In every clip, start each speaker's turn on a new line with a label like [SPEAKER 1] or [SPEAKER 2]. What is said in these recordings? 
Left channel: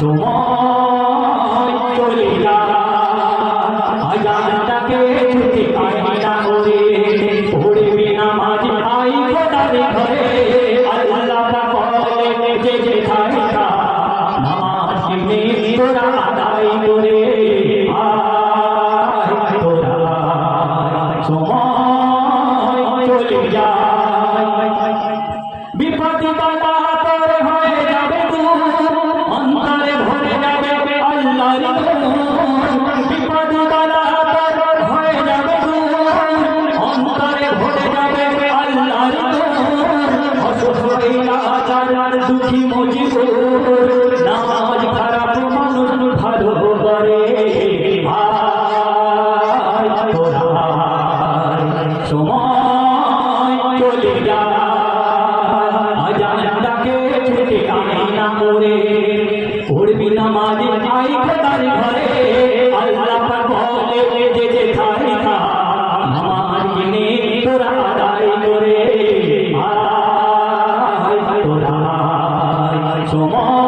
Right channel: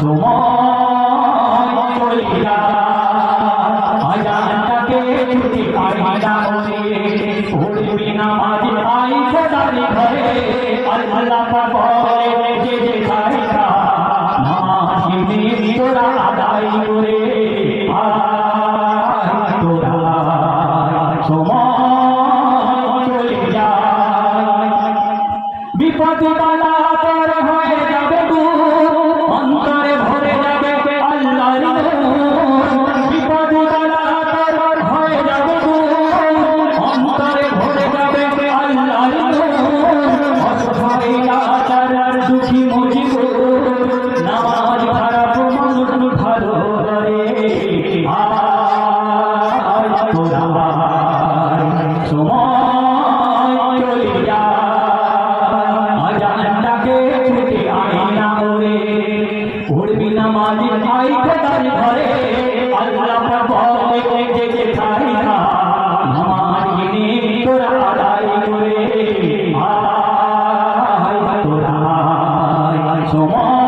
[SPEAKER 1] one. Oh. Come oh. on.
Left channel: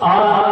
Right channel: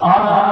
[SPEAKER 1] Ah. Uh -huh.